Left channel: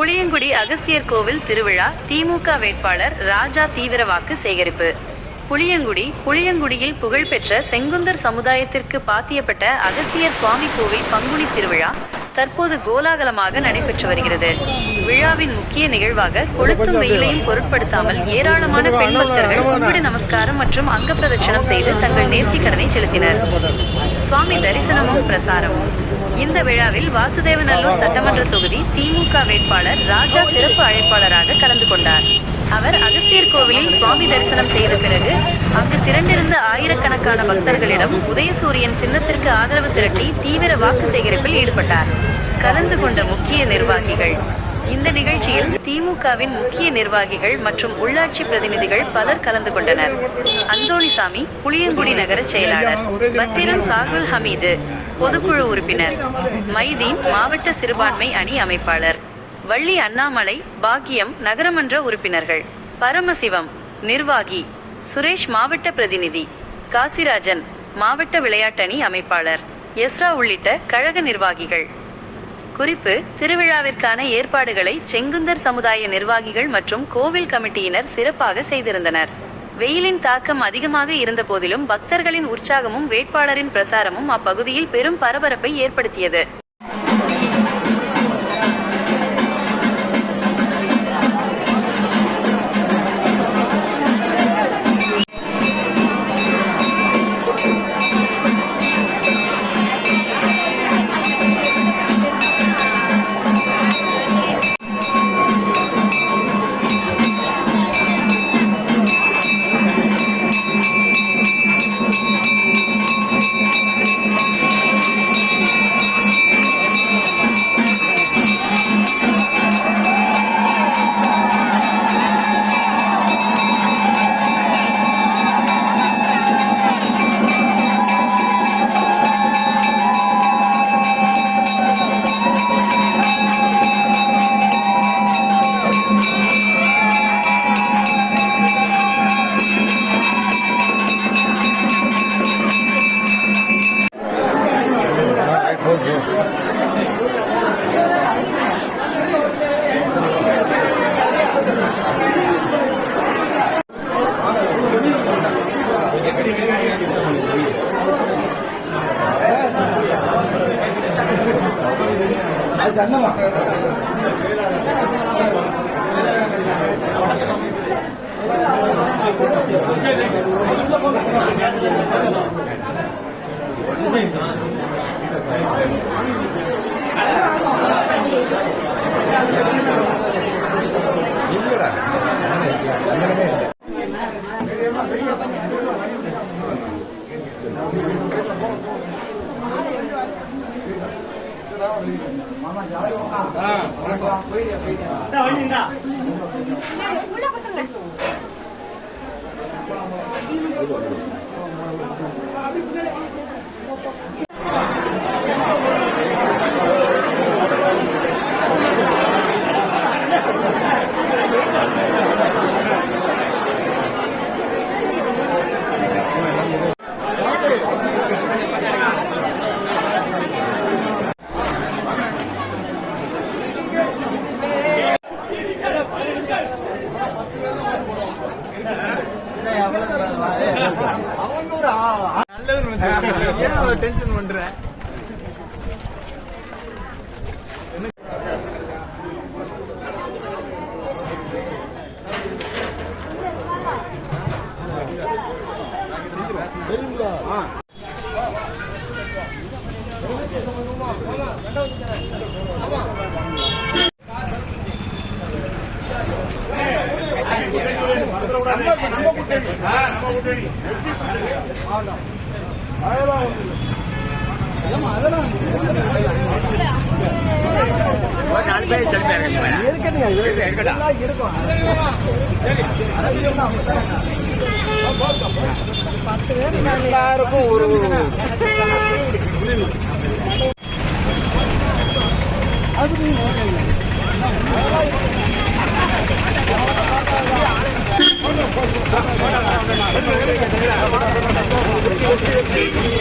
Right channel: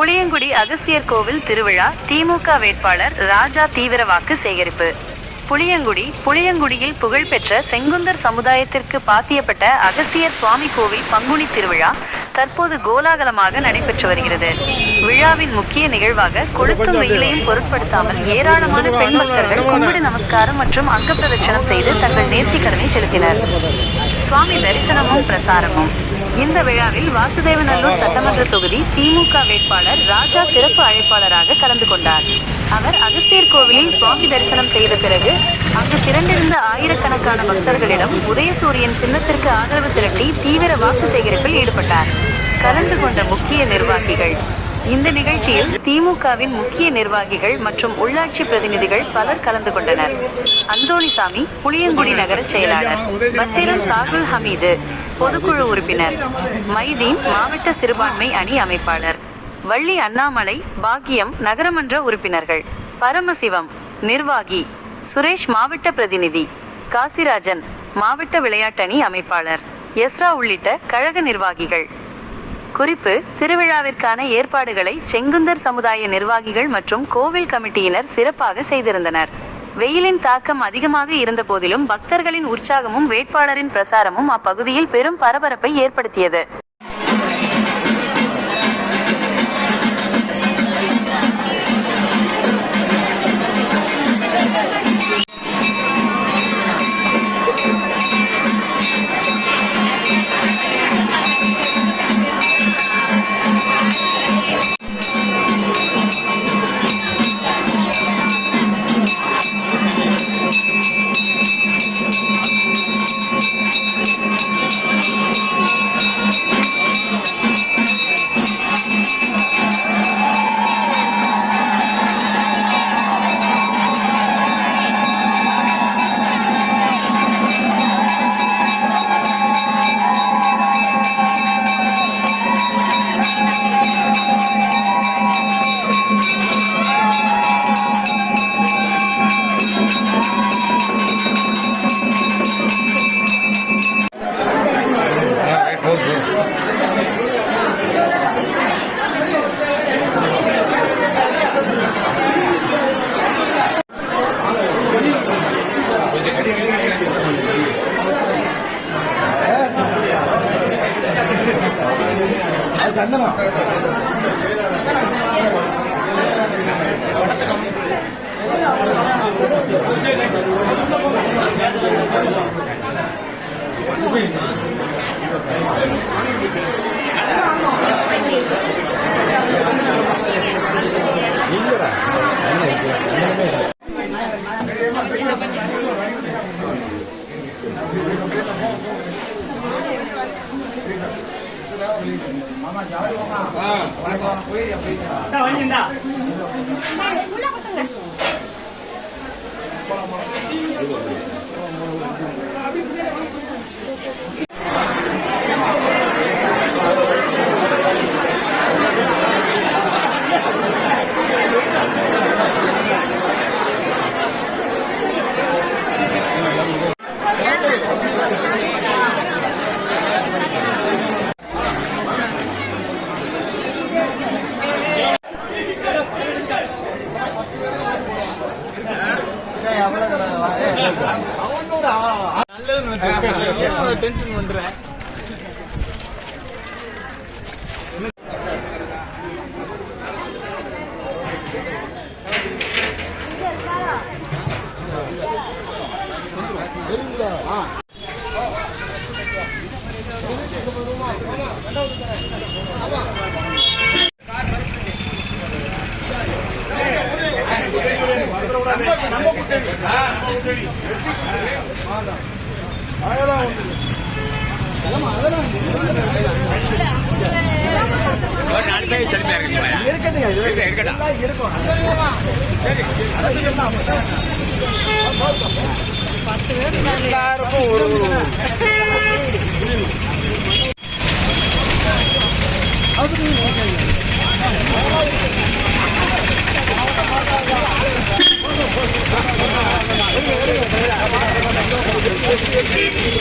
புளியங்குடி அகஸ்தியர் கோவில் திருவிழா, திமுக வேட்பாளர் ராஜா தீவிர வாக்கு சேகரிப்பு. புளியங்குடியில் புகழ்பெற்ற செங்குந்தர் சமுதாயத்திற்கு பாத்தியப்பட்ட அகஸ்தியர் சுவாமி கோவில் பங்குனி திருவிழா தற்போது கோலாகலமாக நடைபெற்று வருகிறது. விழாவின் முக்கிய நிகழ்வாக கொளுத்தும் வெயிலையும் பொருட்படுத்தாமல் ஏராளமான பெண் பக்தர்கள் கும்பிடு நமஸ்காரம் மற்றும் அங்க பிரதட்சணம் செய்து தங்கள் நேர்த்திக்கடனை செலுத்தினர். சுவாமி தரிசனமும் பிரசாரமும். இந்த விழாவில் வாசுதேவநல்லூர் சட்டமன்ற தொகுதி திமுக வேட்பாளர் ராஜா சிறப்பு அழைப்பாளராக கலந்து கொண்டார். அவர் அகஸ்தியர் கோவிலில் சுவாமி தரிசனம் செய்த பிறகு அங்கு திரண்டிருந்த ஆயிரக்கணக்கான பக்தர்களிடம் உதயசூரியன் சின்னத்திற்கு ஆதரவு திரட்டி தீவிர வாக்கு சேகரிப்பில் ஈடுபட்டார். கலந்து கொண்ட முக்கிய நிர்வாகிகள். இந்த நிகழ்ச்சியில் திமுகவின் முக்கிய நிர்வாகிகள் மற்றும் உள்ளாட்சி பிரதிநிதிகள் பலர் கலந்து கொண்டனர். அந்தோணிசாமி புளியங்குடி நகர செயலாளர், பத்திரம் சாகுல் ஹமீது பொதுக்குழு உறுப்பினர், மைதீன் மாவட்ட சிறுபான்மை அணி அமைப்பாளர், வள்ளி அண்ணாமலை பாக்கியம் நகரமன்ற உறுப்பினர்கள், பரமசிவம் நிர்வாகி, சுரேஷ் மாவட்ட பிரதிநிதி, காசிராஜன் மாவட்ட விளையாட்டணி அமைப்பாளர், எஸ்ரா உள்ளிட்ட கழக நிர்வாகிகள். குறிப்பு: திருவிழாவிற்கான ஏற்பாடுகளை செங்குந்தர் சமுதாய நிர்வாகிகள் மற்றும் கோவில் கமிட்டியினர் சிறப்பாக செய்திருந்தனர். வெயிலின் தாக்கம் அதிகமாக இருந்த போதிலும் பக்தர்களின் உற்சாகமும் வேட்பாளரின் பிரசாரமும் அப்பகுதியில் பெரும் பரபரப்பை ஏற்படுத்தியது. டென்ஷன் பண்றேன். Thank you.